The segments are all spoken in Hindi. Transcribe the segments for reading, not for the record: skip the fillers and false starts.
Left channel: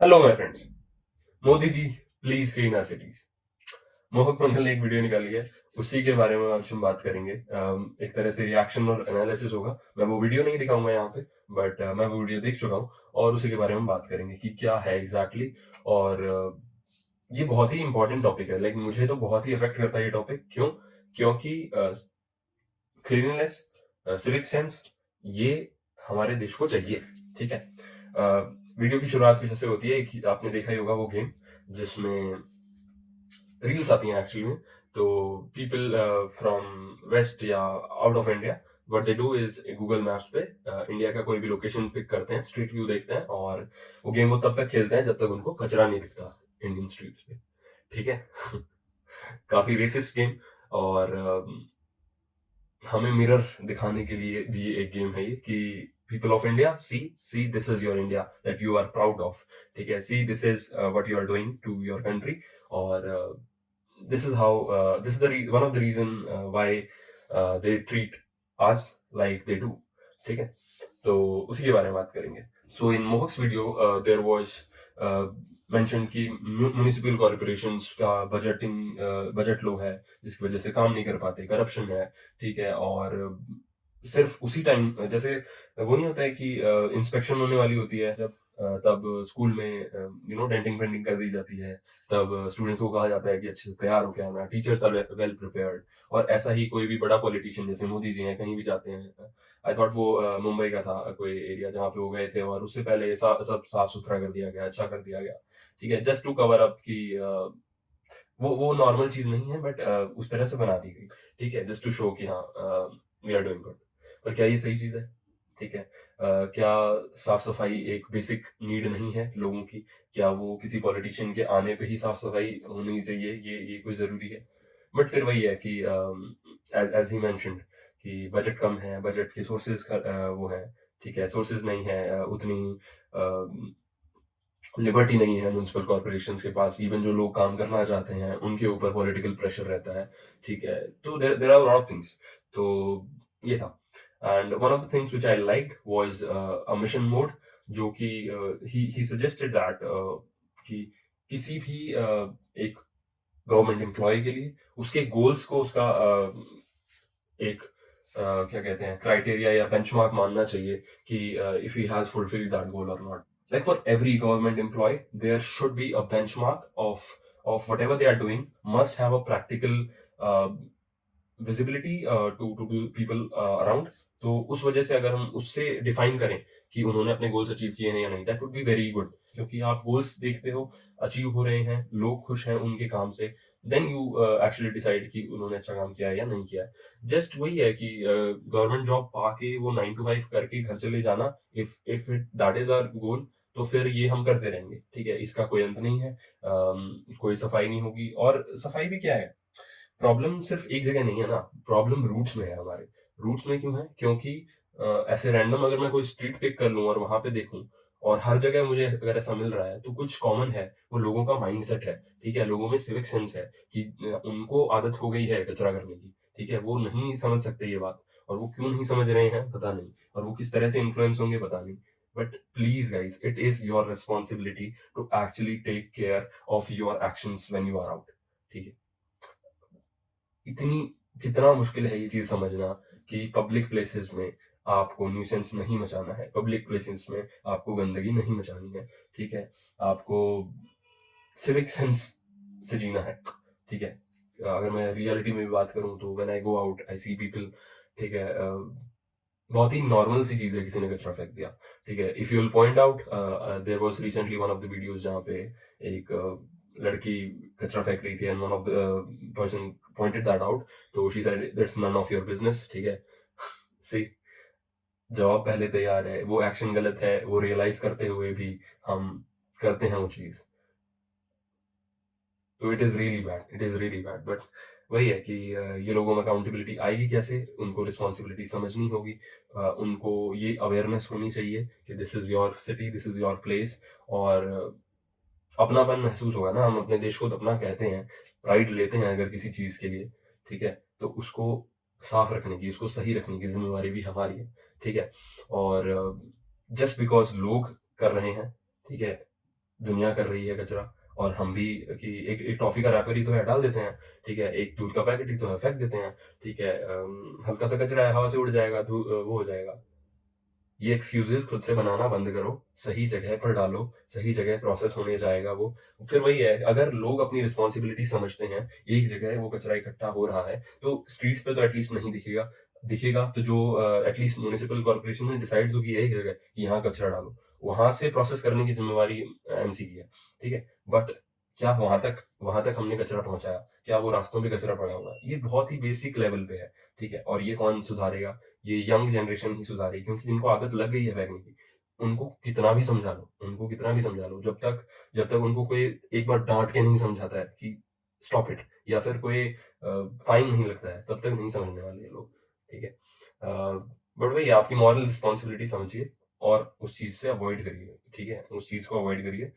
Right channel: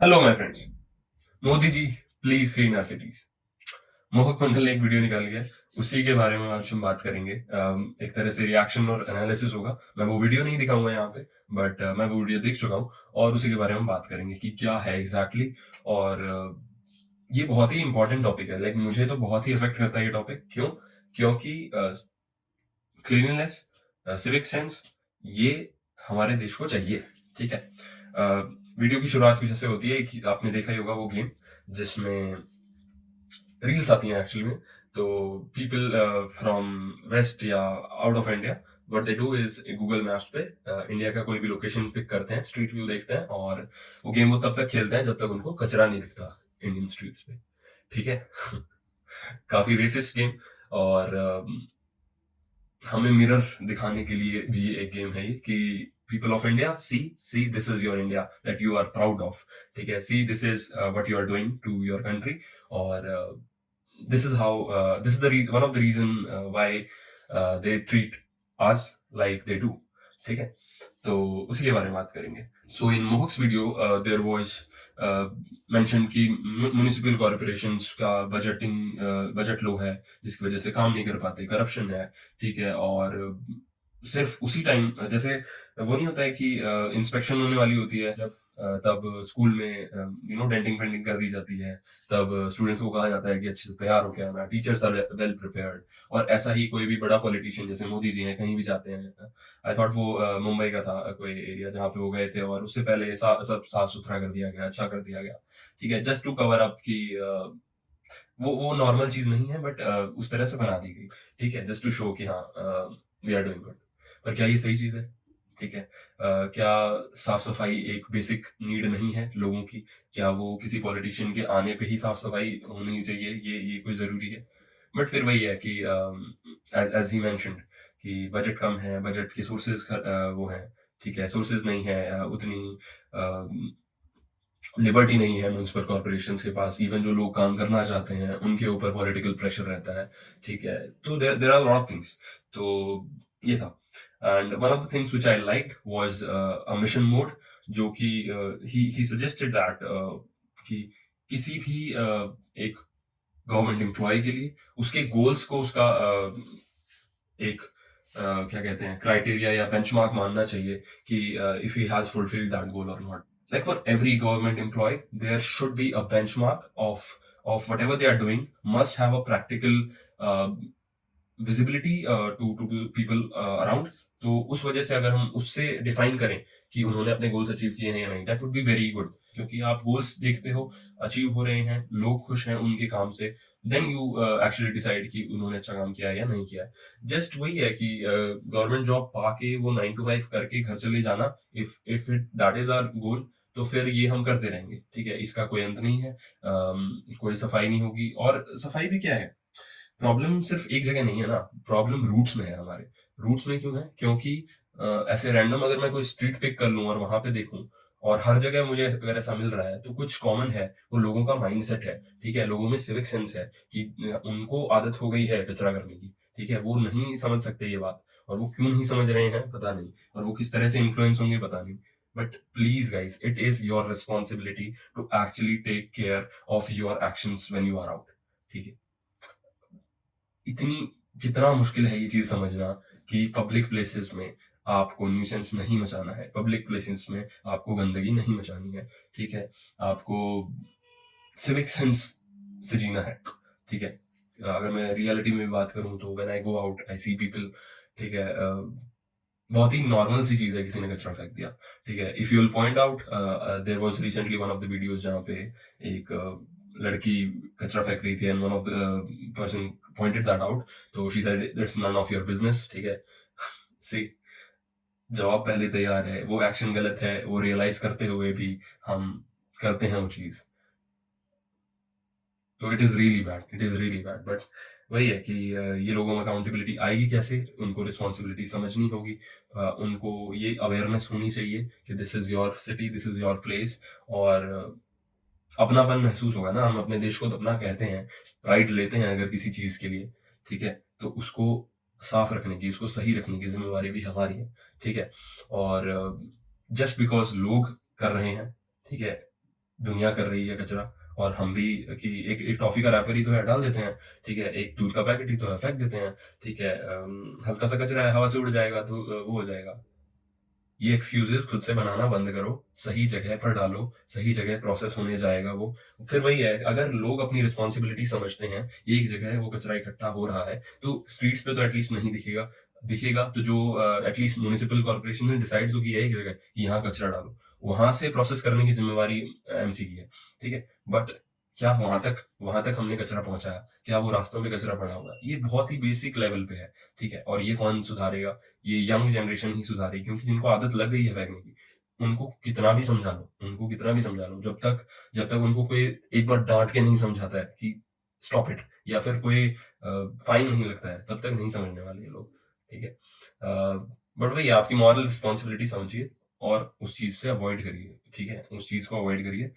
Hello my friends. Modi ji please clean our cities. Mohak Mandal ने एक वीडियो निकाली है, उसी के बारे में आज हम बात करेंगे। एक तरह से रिएक्शन और एनालिसिस होगा। मैं वो वीडियो नहीं दिखाऊंगा यहाँ पे, बट मैं वो वीडियो देख चुका हूँ और उसी के बारे में बात करेंगे कि क्या है एग्जैक्टली exactly। और ये बहुत ही इंपॉर्टेंट टॉपिक है। लाइक मुझे तो बहुत ही इफेक्ट करता है ये टॉपिक। क्यों? क्योंकि क्लीनलीनेस, सिविक सेंस, ये हमारे देश को चाहिए। ठीक है। वीडियो की शुरुआत कुछ ऐसे होती है कि आपने देखा ही होगा वो गेम जिसमें रील्स आती हैं एक्चुअली में। तो पीपल फ्रॉम वेस्ट या out of India, what they do is Google maps पे इंडिया का कोई भी लोकेशन पिक करते हैं, स्ट्रीट व्यू देखते हैं और वो गेम वो तब तक खेलते हैं जब तक उनको कचरा नहीं दिखता इंडियन स्ट्रीट्स पे। ठीक है। काफी रेसिस्ट गेम। और हमें मिरर दिखाने के लिए भी एक गेम है ये कि people of India, see see this is your India that you are proud of. ठीक है, see this is what you are doing to your country. और this is how this is one of the reason why they treat us like they do। ठीक है, तो उसी के बारे में बात करेंगे। सो इन मोहक्स वीडियो देयर वाज मेंशन कि म्युनिसिपल कॉर्पोरेशंस का बजट लो है, जिसकी वजह से काम नहीं कर पाते, करप्शन है। ठीक है, और सिर्फ उसी टाइम जैसे वो नहीं होता है कि इंस्पेक्शन होने वाली होती है जब तब स्कूल में डेंटिंग पेंटिंग कर दी जाती है। तब स्टूडेंट्स को कहा जाता है कि अच्छे से तैयार हो के आना, टीचर्स आर वेल प्रिपेयर्ड। और ऐसा ही कोई भी बड़ा पॉलिटिशियन जैसे मोदी जी हैं कहीं भी जाते हैं। आई थॉट वो मुंबई का था कोई एरिया जहाँ पे वो गए थे और उससे पहले सब साफ सुथरा कर दिया गया, अच्छा कर दिया गया। ठीक है, जस्ट टू कवर अप की वो नॉर्मल चीज नहीं है, बट उस तरह से बना दी गई। ठीक है, जस्ट टू शो कि हाँ वी आर डूइंग गुड। पर क्या ये सही चीज है? ठीक है, क्या साफ सफाई एक बेसिक नीड नहीं है लोगों की? क्या वो किसी पॉलिटिशियन के आने पे ही साफ सफाई होनी चाहिए? ये कोई जरूरी है? बट फिर वही है कि एज एज ही मेंशन्ड कि बजट कम है, बजट के सोर्सेज वो है। ठीक है, सोर्सेज नहीं है उतनी लिबर्टी नहीं है म्यूनसिपल कॉर्पोरेशंस के पास। इवन जो लोग काम करना चाहते हैं उनके ऊपर पॉलिटिकल प्रेशर रहता है। ठीक है, तो there are lot of things. तो ये था। And one of the things which I like was a mission mode, जो कि ही सजेस्टेड दैट कि किसी भी एक गवर्नमेंट एम्प्लॉय के लिए उसके गोल्स को उसका एक क्या कहते हैं क्राइटेरिया या बेंचमार्क मानना चाहिए कि if he has fulfilled that goal और not. Like for every government employee, there should be a benchmark of whatever they are doing must have a practical uh, visibility to people around। तो उस वजह से अगर हम उससे डिफाइन करें कि उन्होंने अपने गोल्स अचीव किए हैं या नहीं, that would be very good. क्योंकि आप गोल्स देखते हो, अचीव हो रहे हैं, लोग खुश हैं उनके काम से, देन यू एक्चुअली डिसाइड कि उन्होंने अच्छा काम किया है या नहीं किया है। जस्ट वही है कि गवर्नमेंट जॉब पाके वो 9 to 5 करके घर चले जाना, if it that is our goal, तो फिर ये हम करते रहेंगे। ठीक है, इसका कोई अंत नहीं है। कोई सफाई नहीं होगी। और सफाई भी क्या है, प्रॉब्लम सिर्फ एक जगह नहीं है ना, प्रॉब्लम रूट्स में है हमारे। रूट्स में क्यों है? क्योंकि ऐसे रैंडम अगर मैं कोई स्ट्रीट पिक कर लूं और वहां पे देखूं और हर जगह मुझे अगर ऐसा मिल रहा है, तो कुछ कॉमन है, वो लोगों का माइंडसेट है। ठीक है, लोगों में सिविक सेंस है कि उनको आदत हो गई है कचरा करने की। ठीक है, वो नहीं समझ सकते ये बात, और वो क्यों नहीं समझ रहे हैं पता नहीं, और वो किस तरह से इन्फ्लुएंस होंगे पता नहीं। But please guys, it is your responsibility to actually take care of your actions when you are out. ठीक है, इतनी कितना मुश्किल है ये चीज समझना कि पब्लिक प्लेसेस में आपको न्यूसेंस नहीं मचाना है, पब्लिक प्लेसेस में आपको गंदगी नहीं मचानी है। ठीक है, आपको सिविक सेंस से जीना है। ठीक है, अगर मैं रियलिटी में भी बात करूं तो when I go out I see people. ठीक है, बहुत ही नॉर्मल सी चीज है किसी ने कचरा फेंक दिया। ठीक है, if you will point out, there was recently one of the videos जहाँ पे एक लड़की कचरा फेंक रही थी and one of the person pointed that out. तो she said that's none of your business. ठीक है, सी, जवाब पहले तैयार है, वो एक्शन गलत है, वो रियलाइज करते हुए भी हम करते हैं वो चीज। तो it is really bad, it is really bad. But वही है कि ये लोगों में अकाउंटेबिलिटी आएगी कैसे? उनको रिस्पॉन्सिबिलिटी समझनी होगी। उनको ये अवेयरनेस होनी चाहिए कि this is your city, this is your place. और अपनापन महसूस होगा ना, हम अपने देश को तो अपना कहते हैं, राइट लेते हैं अगर किसी चीज के लिए। ठीक है, तो उसको साफ रखने की, उसको सही रखने की जिम्मेवारी भी हमारी है। ठीक है, और जस्ट बिकॉज लोग कर रहे हैं, ठीक है, दुनिया कर रही है कचरा, और हम भी कि एक टॉफ़ी का रैपर ही तो है, डाल देते हैं, ठीक है? एक दूध का पैकेट ही तो है, फेंक देते हैं, ठीक है? हल्का-सा कचरा है, हवा से उड़ जाएगा, वो हो जाएगा। ये एक्सक्यूज़ेज़ खुद से बनाना बंद करो, सही जगह पर डालो, सही जगह प्रोसेस होने जाएगा वो। फिर वही है, अगर लोग अपनी रिस्पॉन्सिबिलिटी समझते हैं, एक जगह है वो कचरा इकट्ठा हो रहा है, तो स्ट्रीट्स पे तो एटलीस्ट नहीं दिखेगा। दिखेगा तो जो एटलीस्ट म्युनिसिपल कॉर्पोरेशन ने डिसाइड तो किया है एक जगह कि यहाँ कचरा डालो। वहाँ से प्रोसेस करने की ज़िम्मेवारी एमसी की है, ठीक है? बट क्या वहाँ तक हमने कचरा पहुँचाया? क्या वो रास्तों पे कचरा पड़ा हुआ है? ये बहुत ही बेसिक लेवल पे है, ठीक है? और ये कौन सुधारेगा? ये यंग जनरेशन ही सुधारेगी, क्योंकि जिनको आदत लग गई है फेंकने की, उनको कितना भी समझा लो, जब तक उनको कोई एक बार डाँट के नहीं समझाता है कि स्टॉप इट, या फिर कोई फाइन नहीं लगता है, तब तक नहीं समझने वाले ये लोग, ठीक है? बट वही आपकी मॉरल रिस्पॉन्सिबिलिटी समझिए और उस चीज़ से अवॉइड करिए, ठीक है? उस चीज़ को अवॉइड करिए।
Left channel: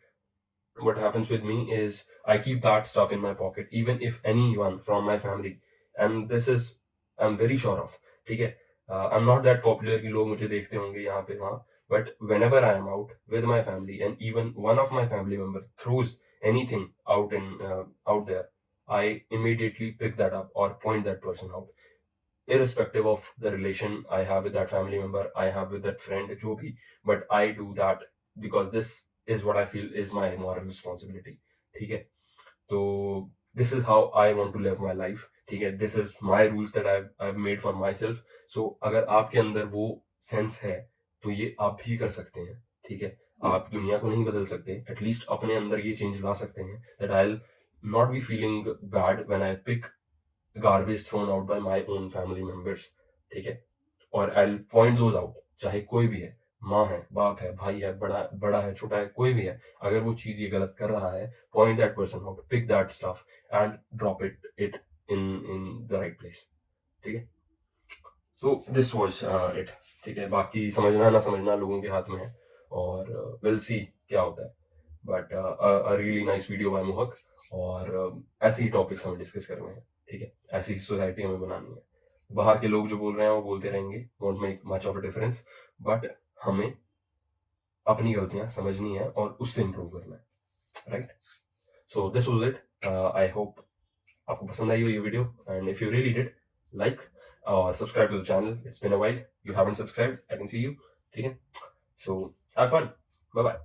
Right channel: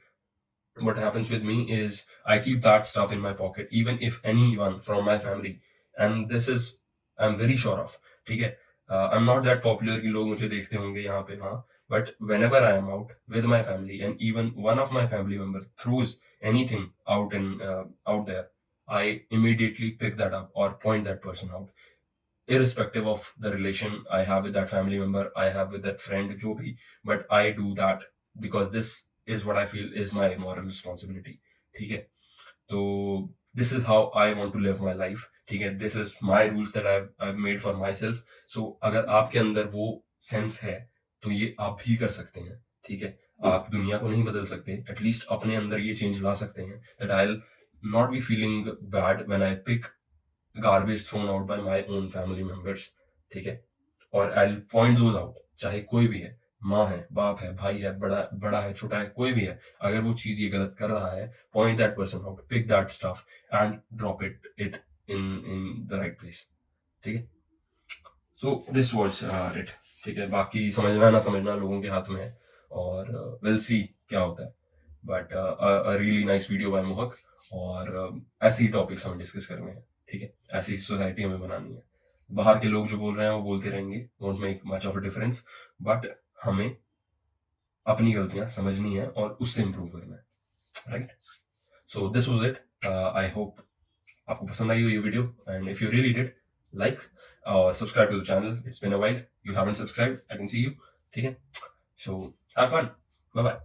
What happens with me is I keep that stuff in my pocket, even if anyone from my family, and this is I'm very sure of, ठीक है? I'm not that popular कि लोग मुझे देखते होंगे यहाँ पे वहाँ, but whenever I am out with my family and even one of my family member throws anything out there, I immediately pick that up or point that person out, irrespective of the relation I have with that family member, I have with that friend, जो भी, but I do that because this is what I feel is my moral responsibility, ठीक है? तो this is how I want to live my life, ठीक है? This is my rules that I've made for myself. So अगर आपके अंदर वो सेंस है, तो ये आप भी कर सकते हैं, ठीक है? आप दुनिया को नहीं बदल सकते, एटलीस्ट अपने अंदर ये चेंज ला सकते हैं, that I'll not be feeling bad when I pick garbage thrown out by my own family members, ठीक है? और I will point those out, चाहे कोई भी है, माँ है, बाप है, भाई है, बड़ा बड़ा है, छोटा है, कोई भी है, अगर वो चीज़ ये गलत कर रहा है, point that person out, pick that stuff and drop it in the right place, ठीक है? सो दिस वाज इट, ठीक है? बाकी समझना ना समझना लोगों के हाथ में है, और विल सी क्या होता है, but a really nice video by Mohak, और ऐसे ही टॉपिक्स हमें डिस्कस करने हैं, ठीक है? ऐसी सोसाइटी हमें बनानी है। बाहर के लोग जो बोल रहे हैं वो बोलते रहेंगे, won't make much of a difference, but हमें अपनी गलतियां समझनी है और उससे इम्प्रूव करना है, right? So this was it. I hope आपको पसंद आई हो ये video, and if you really did, like और subscribe to the channel. It's been a while, you haven't subscribed, I can see you, ठीक है? So have fun, bye bye.